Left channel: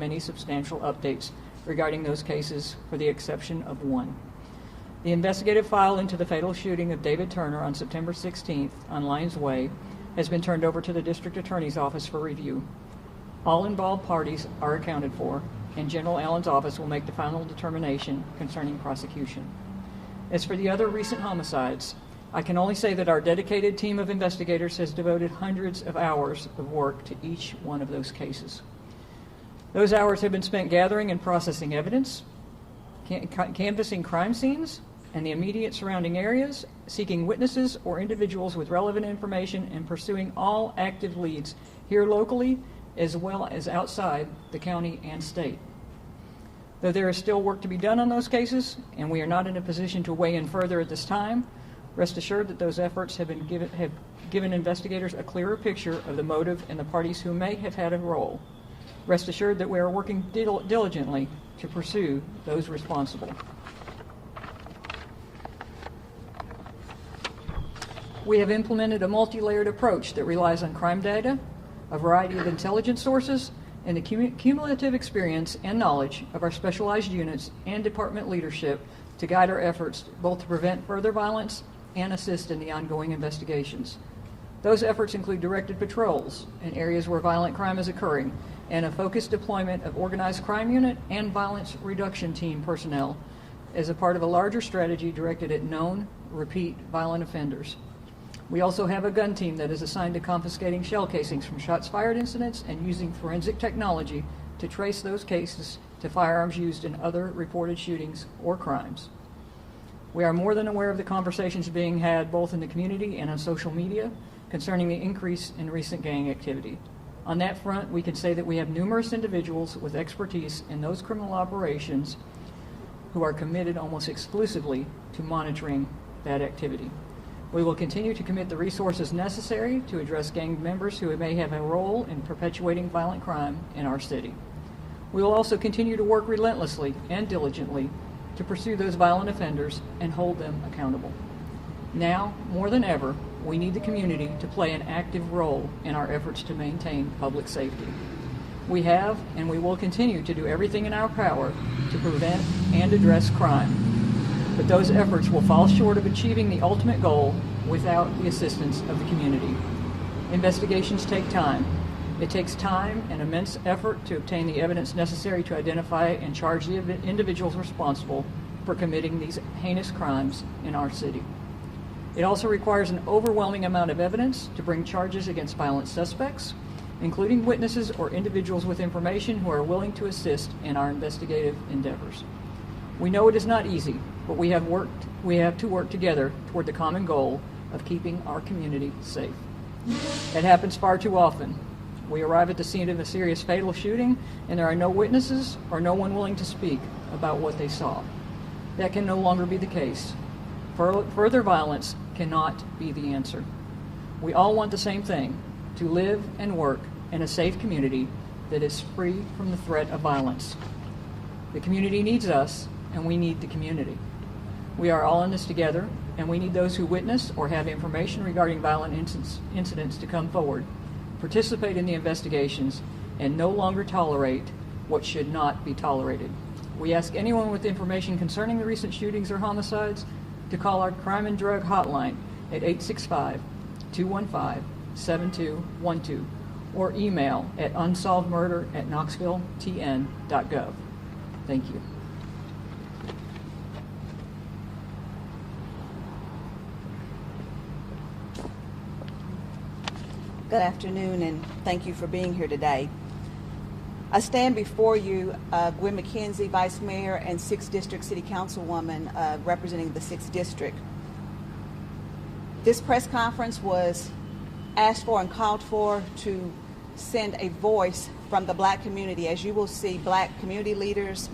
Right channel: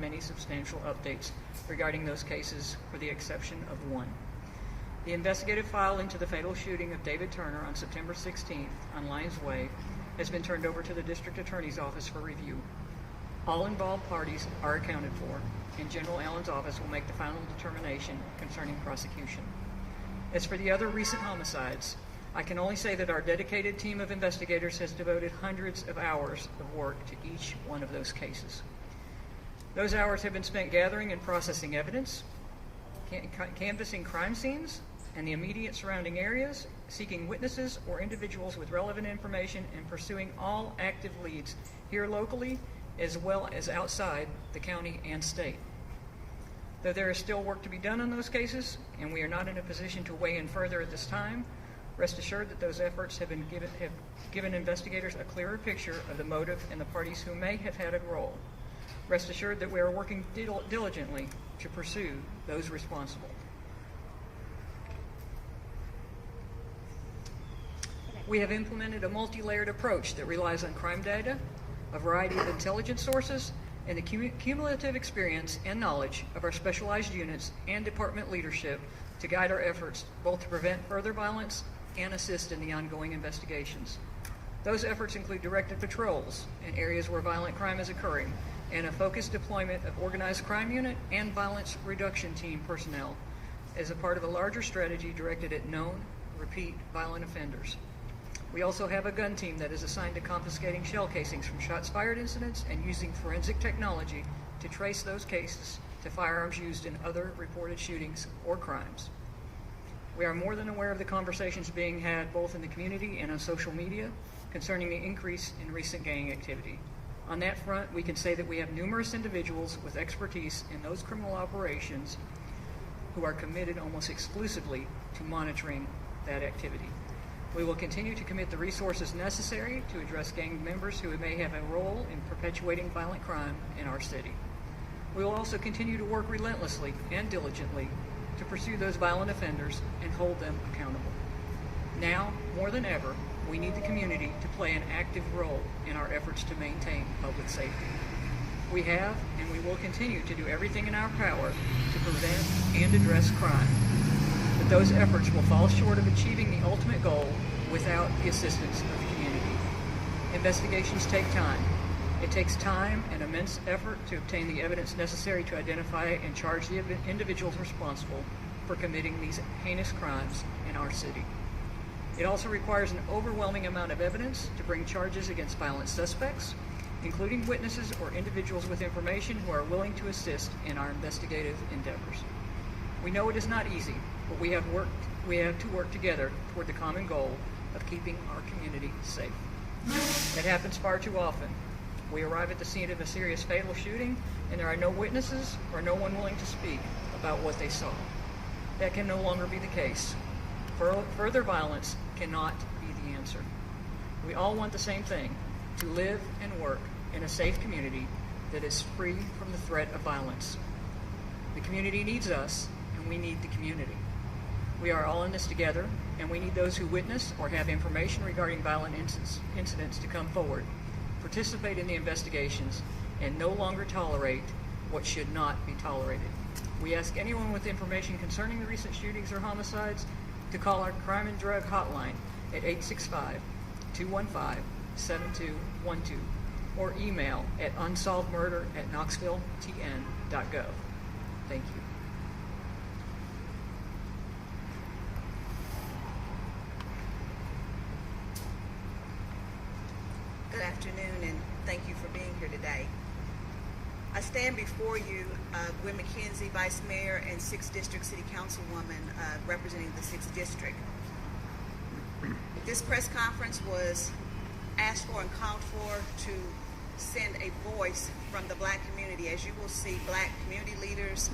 many substantial updates regarding those cases, for the exception of one. The investigative file into the fatal shooting of David Turner on September 16th on Lions Way has been turned over to the District Attorney's Office for review. All involved parties are accounted for, and General Allen's office will make the final determination concerning prosecution. As for the other recent homicides, I can only say that our dedicated team of investigators has devoted hundreds of hours of work to each one of those cases. Those hours have been spent gathering and processing evidence, canvassing crime scenes and the immediate surrounding areas, seeking witnesses or individuals with relevant information, and pursuing all active leads here locally as well as outside the county and state. Though there is still work to be done on those cases, and we are not in a position to weigh in further at this time, rest assured that those efforts have given investigators a clearer picture of the motive and the parties who may have had a role. Rest assured that we are working diligently to pursue those responsible. We have implemented a multi-layered approach that relies on crime data, a variety of intelligence sources, and the cumulative experience and knowledge of our specialized units and department leadership to guide our efforts both to prevent further violence and assist in the ongoing investigations. Those efforts include directed patrols in areas where violent crime is occurring, and a focused deployment of organized crime unit and violence reduction team personnel as a part of a larger strategy directed at known, repeat violent offenders. We also have a gun team that is assigned to confiscating shell casings from shots fired incidents and using forensic technology to trace those cases to firearms used in other reported shootings or crimes. We are more than aware of the conversations being had both in the community and on social media concerning the increase in recent gang activity. On that front, we can say that we have numerous individuals with expertise in those criminal operations who are committed almost exclusively to monitoring that activity. We will continue to commit the resources necessary to address gang members who may have a role in perpetuating violent crime in our city. We will also continue to work relentlessly and diligently to pursue those violent offenders and hold them accountable. Now, more than ever, we need the community to play an active role in our efforts to maintain public safety. We have and we will continue to do everything in our power to prevent and address crime, but those efforts will fall short of achieving the ultimate goal without the assistance of the community. Investigations take time. It takes time and immense effort to obtain the evidence necessary to identify and charge the individuals responsible for committing these heinous crimes in our city. It also requires an overwhelming amount of evidence to bring charges against violent suspects, including witnesses or individuals with information who are willing to assist in our investigative endeavors. We know it is not easy, but we have to work together toward the common goal of keeping our community safe. It happens far too often. We arrive at the scene of a serious fatal shooting, and there are no witnesses or no one willing to speak about what they saw. That can no longer be the case. Further violence cannot be the answer. We all want the same thing, to live and work in a safe community that is free from the threat of violence. The community needs us, and we need the community. We are all in this together, and we need those who witness or have information regarding violent incidents to come forward, participate in the investigations, and no longer tolerate what should not be tolerated. We ask anyone with information concerning the recent shootings or homicides to call our crime and drug hotline at 865-215-7212 or email at unsolvedmurder@knoxvilletn.gov. Thank you. Good afternoon, and thank you for being here today. I stand before you, Gwen McKenzie, Vice Mayor, and 6th District City Councilwoman representing the 6th District. This press conference was asked for and called for to send a voice from the Black community. As you will see, Black community leaders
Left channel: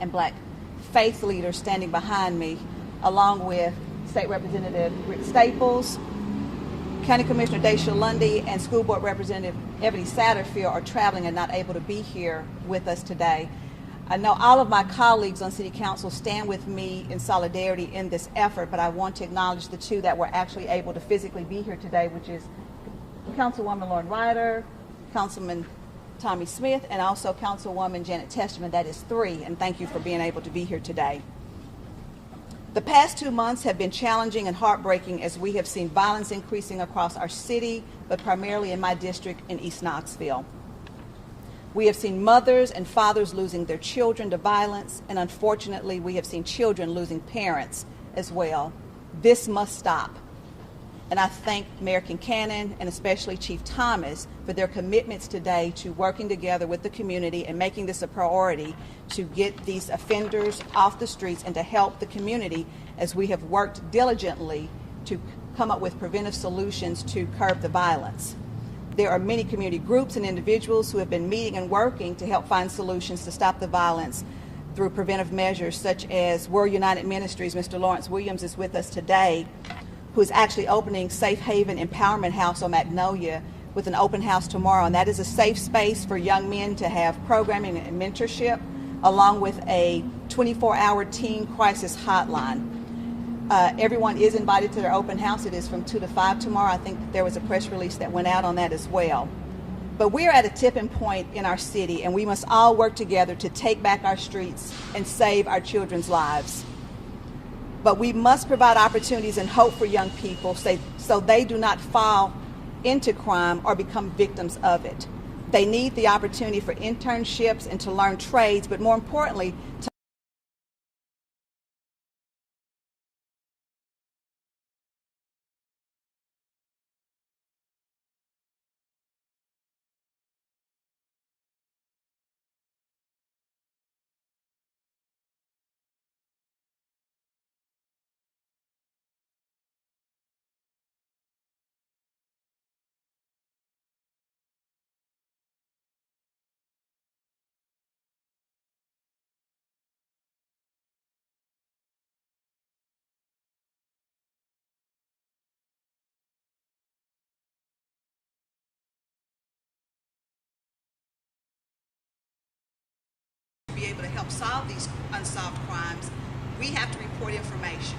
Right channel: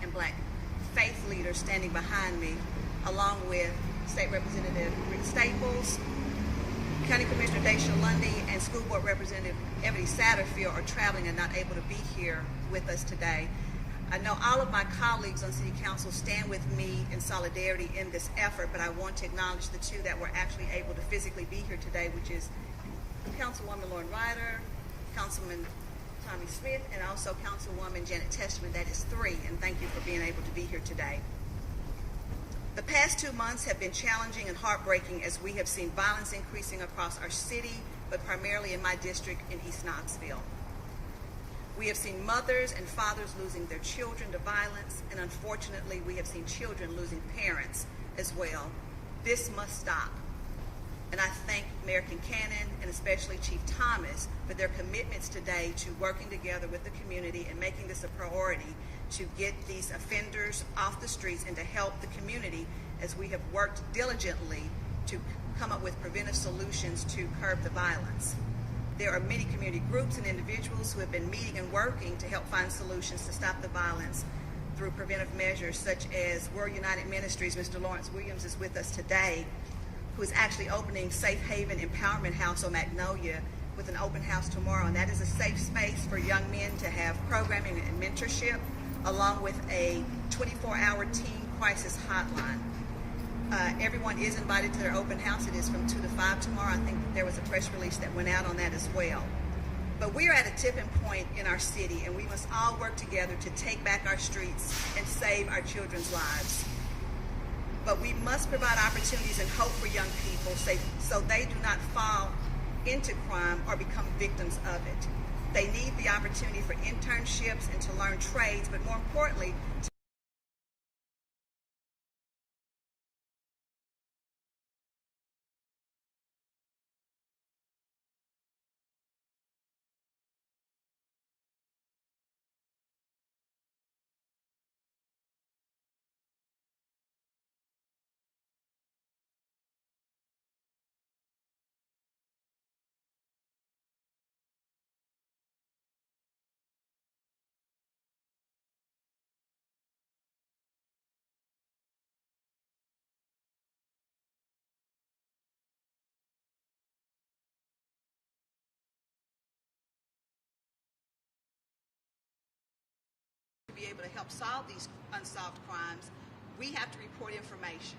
and Black faith leaders standing behind me, along with State Representative Rick Staples, County Commissioner Daisha Lundy, and School Board Representative Ebony Satterfield are traveling and not able to be here with us today. I know all of my colleagues on City Council stand with me in solidarity in this effort, but I want to acknowledge the two that were actually able to physically be here today, which is Councilwoman Lauren Ryder, Councilman Tommy Smith, and also Councilwoman Janet Testament. That is 3, and thank you for being able to be here today. The past 2 months have been challenging and heartbreaking as we have seen violence increasing across our city, but primarily in my district in East Knoxville. We have seen mothers and fathers losing their children to violence, and unfortunately, we have seen children losing parents as well. This must stop. And I thank Mayor Kincannon and especially Chief Thomas for their commitments today to working together with the community and making this a priority to get these offenders off the streets and to help the community as we have worked diligently to come up with preventive solutions to curb the violence. There are many community groups and individuals who have been meeting and working to help find solutions to stop the violence through preventive measures such as World United Ministries. Mr. Lawrence Williams is with us today, who is actually opening Safe Haven Empowerment House on Magnolia with an open house tomorrow. And that is a safe space for young men to have programming and mentorship, along with a 24-hour teen crisis hotline. Everyone is invited to their open house. It is from 2 to 5 tomorrow. I think there was a press release that went out on that as well. But we are at a tipping point in our city, and we must all work together to take back our streets and save our children's lives. But we must provide opportunities and hope for young people so they do not fall into crime or become victims of it. They need the opportunity for internships and to learn trades, but more importantly, to be able to help solve these unsolved crimes, we have to report information.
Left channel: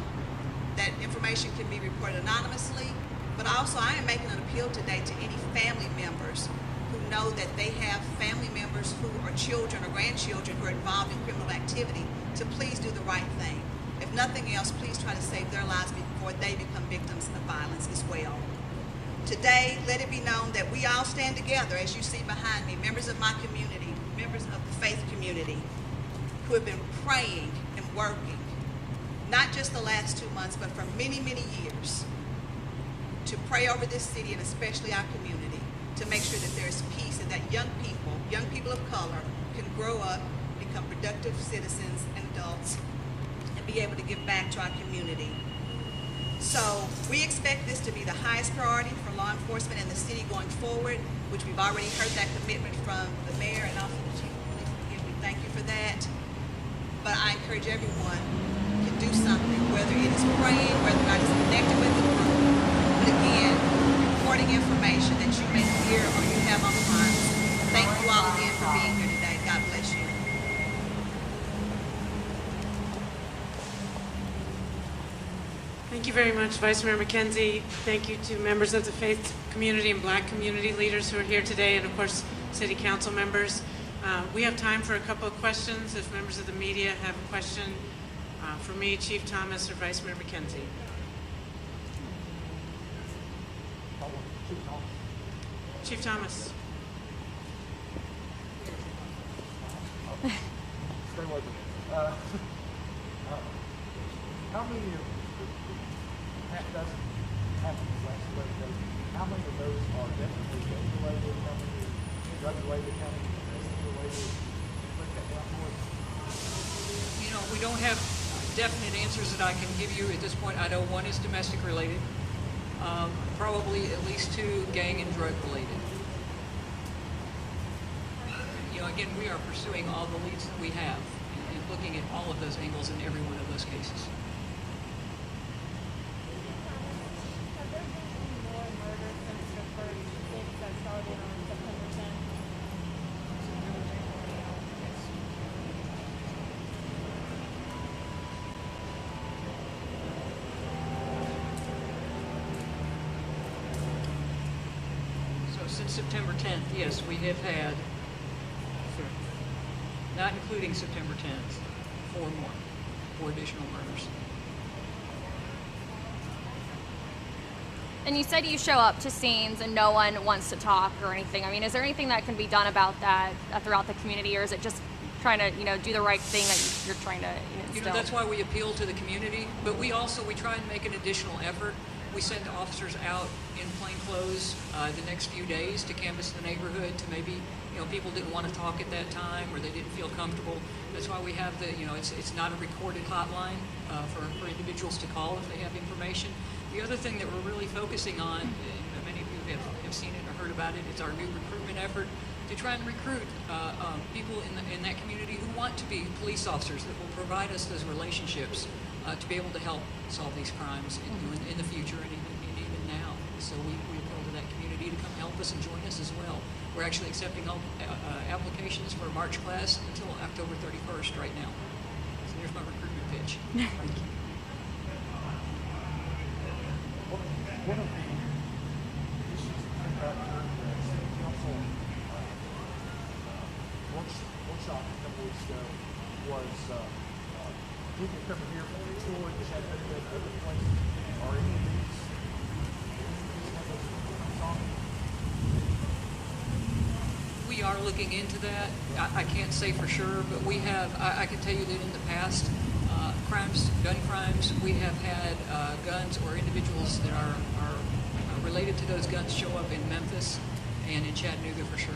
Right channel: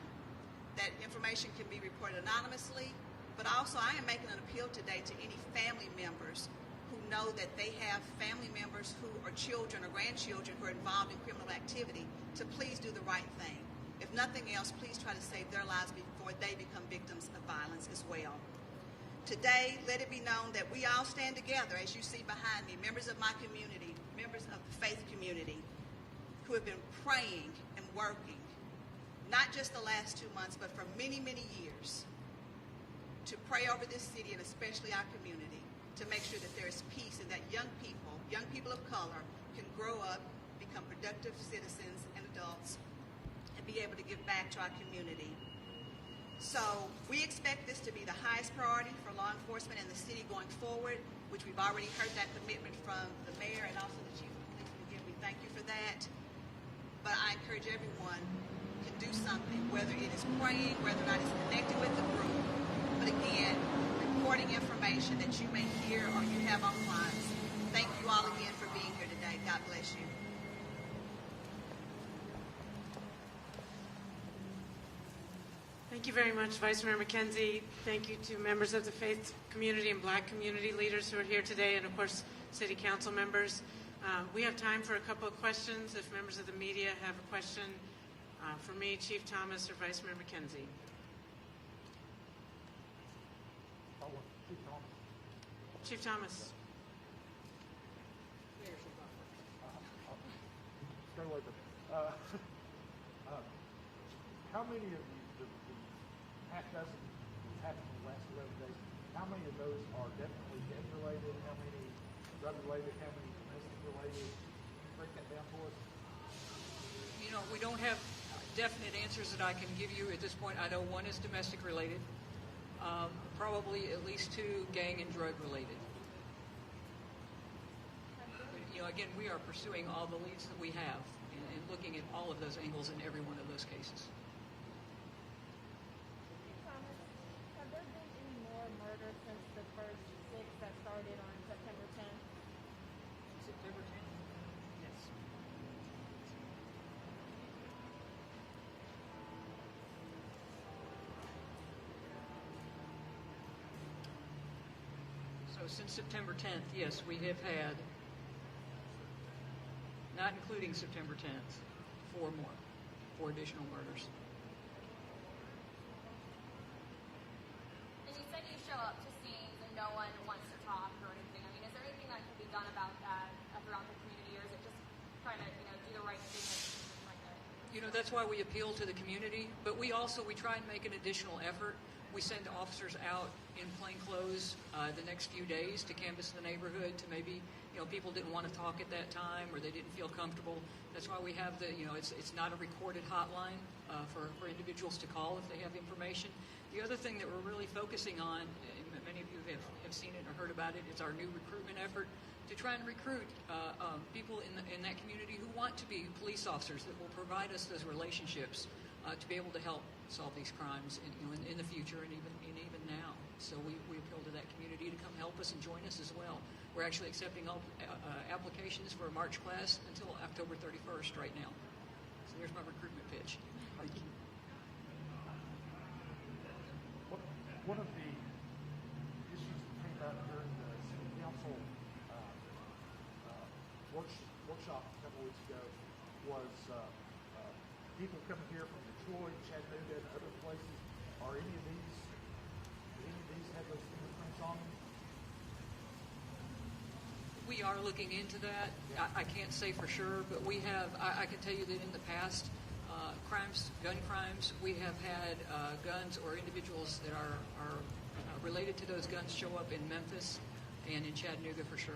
That information can be reported anonymously, but also I am making an appeal today to any family members who know that they have family members who are children or grandchildren who are involved in criminal activity to please do the right thing. If nothing else, please try to save their lives before they become victims of violence as well. Today, let it be known that we all stand together, as you see behind me, members of my community, members of the faith community, who have been praying and working, not just the last 2 months, but for many, many years, to pray over this city and especially our community, to make sure that there's peace and that young people of color, can grow up, become productive citizens and adults, and be able to give back to our community. So we expect this to be the highest priority for law enforcement in the city going forward, which we've already heard that commitment from the mayor and also the chief of police. Again, we thank you for that. But I encourage everyone to do something, whether it is praying, whether or not it's connected with the group. But again, reporting information that you may hear or you have on mind. Thank you all again for being here today. God bless you. Thank you very much, Vice Mayor McKenzie. Thank you to members of the faith community and Black community leaders who are here today, and of course, City Council members. We have time for a couple of questions. If members of the media have a question for me, Chief Thomas, or Vice Mayor McKenzie. Chief Thomas. Stay with me. How many of the half dozen happened in the last 11 days? How many of those are definitely gang-related? How many drug-related? How many domestic-related? Break that down for us. You know, we don't have definite answers that I can give you at this point. I know one is domestic related, probably at least 2 gang and drug related. You know, again, we are pursuing all the leads that we have and looking at all of those angles in every one of those cases. Since September 10th, yes, we have had not including September 10th, 4 additional murders. And you said you show up to scenes and no one wants to talk or anything. I mean, is there anything that can be done about that throughout the community, or is it just trying to, do the right thing that you're trying to instill? That's why we appeal to the community, but we try and make an additional effort. We send officers out in plain clothes the next few days to canvass the neighborhood to maybe, people didn't want to talk at that time or they didn't feel comfortable. That's why we have it's not a recorded hotline for individuals to call if they have information. The other thing that we're really focusing on, and many of you have seen it or heard about it, it's our new recruitment effort to try and recruit people in that community who want to be police officers that will provide us those relationships to be able to help solve these crimes in the future and even now. So we appeal to that community to come help us and join us as well. We're actually accepting applications for a March class until October 31st right now. So there's my recruitment pitch. Thank you. One of the issues that came out during the city council workshop a couple weeks ago was people coming here from Troy, Chattanooga, and other places. Are any of these have those complaints on them? We are looking into that. I can't say for sure, but we have. I can tell you that in the past, gun crimes, we have had guns or individuals that are related to those guns show up in Memphis and in Chattanooga for sure.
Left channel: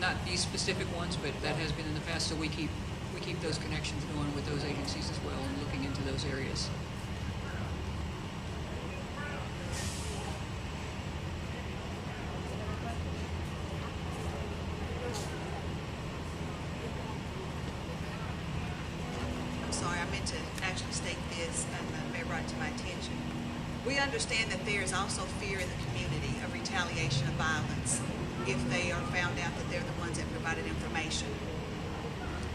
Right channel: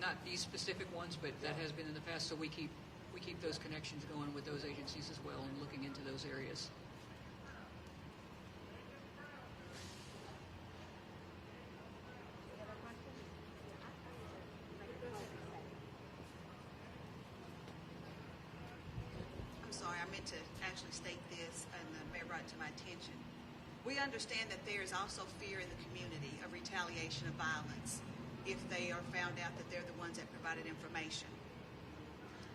Not these specific ones, but that has been in the past. So we keep those connections going with those agencies as well and looking into those areas. I'm sorry, I meant to actually state this and may brought it to my attention. We understand that there is also fear in the community of retaliation of violence if they are found out that they're the ones that provided information.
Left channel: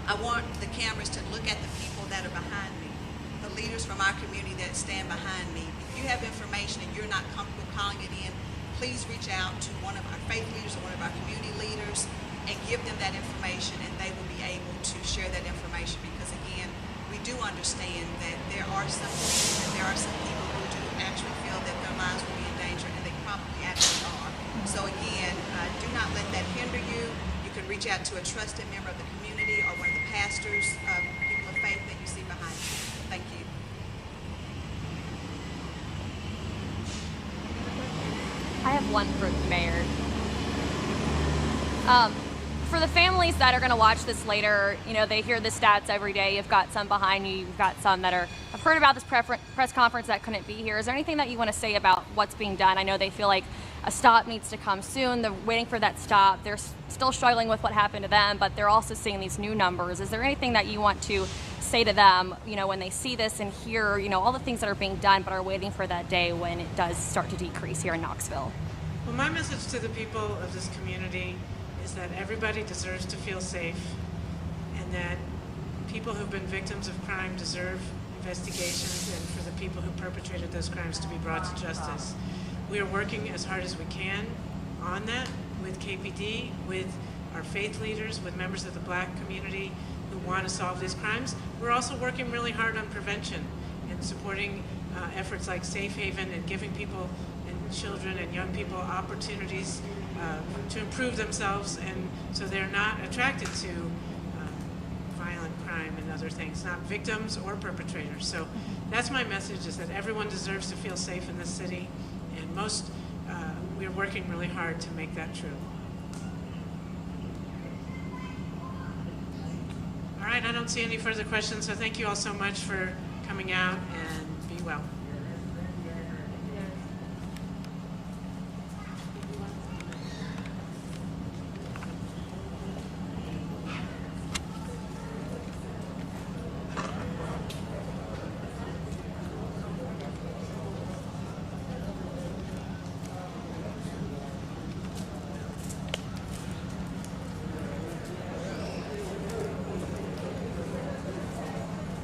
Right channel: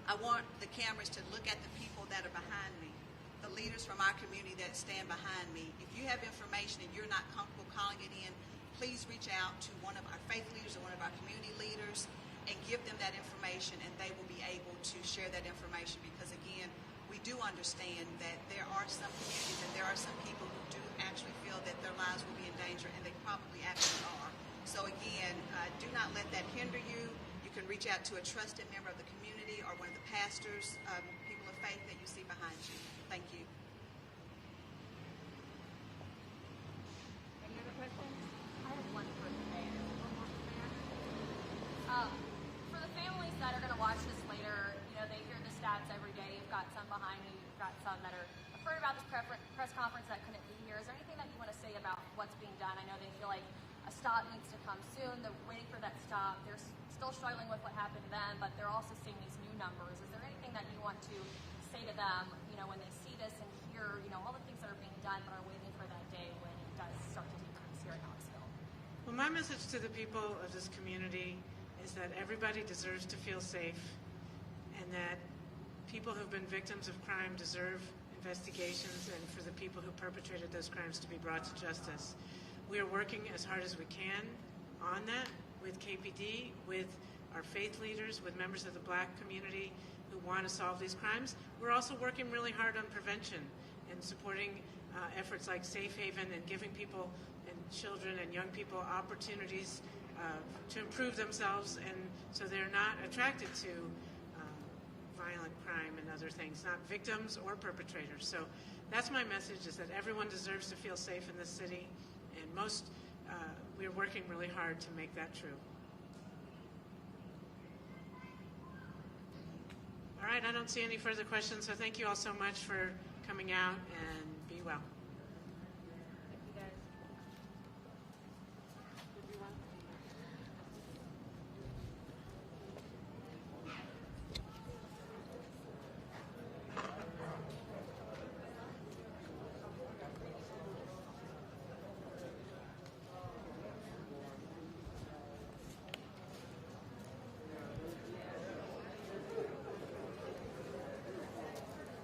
I want the cameras to look at the people that are behind me, the leaders from our community that stand behind me. If you have information and you're not comfortable calling it in, please reach out to one of our faith leaders or one of our community leaders and give them that information, and they will be able to share that information, because again, we do understand that there are some people who do actually feel that their lives will be in danger, and they probably actually are. So again, do not let that hinder you. You can reach out to a trusted member of the community or one of the pastors, people of faith that you see behind you. Thank you. I have one for the mayor. For the families that are going to watch this later, they hear the stats every day. You've got some behind you. You've got some that have heard about this press conference that couldn't be here. Is there anything that you want to say about what's being done? I know they feel like a stop needs to come soon. They're waiting for that stop. They're still struggling with what happened to them, but they're also seeing these new numbers. Is there anything that you want to say to them, when they see this and hear, all the things that are being done, but are waiting for that day when it does start to decrease here in Knoxville? Well, my message to the people of this community is that everybody deserves to feel safe, and that people who've been victims of crime deserve investigations, and for the people who perpetrated those crimes to be brought to justice. We are working as hard as we can on that with KPD, with our faith leaders, with members of the Black community who want to solve these crimes. We're also working really hard on prevention and supporting efforts like Safe Haven and giving people and children and young people opportunities to improve themselves, and so they're not attracted to violent crime and other things, not victims or perpetrators. So that's my message, is that everyone deserves to feel safe in this city, and we're working really hard to make that true. All right, I don't see any further questions, so thank you all so much for coming out, and be well.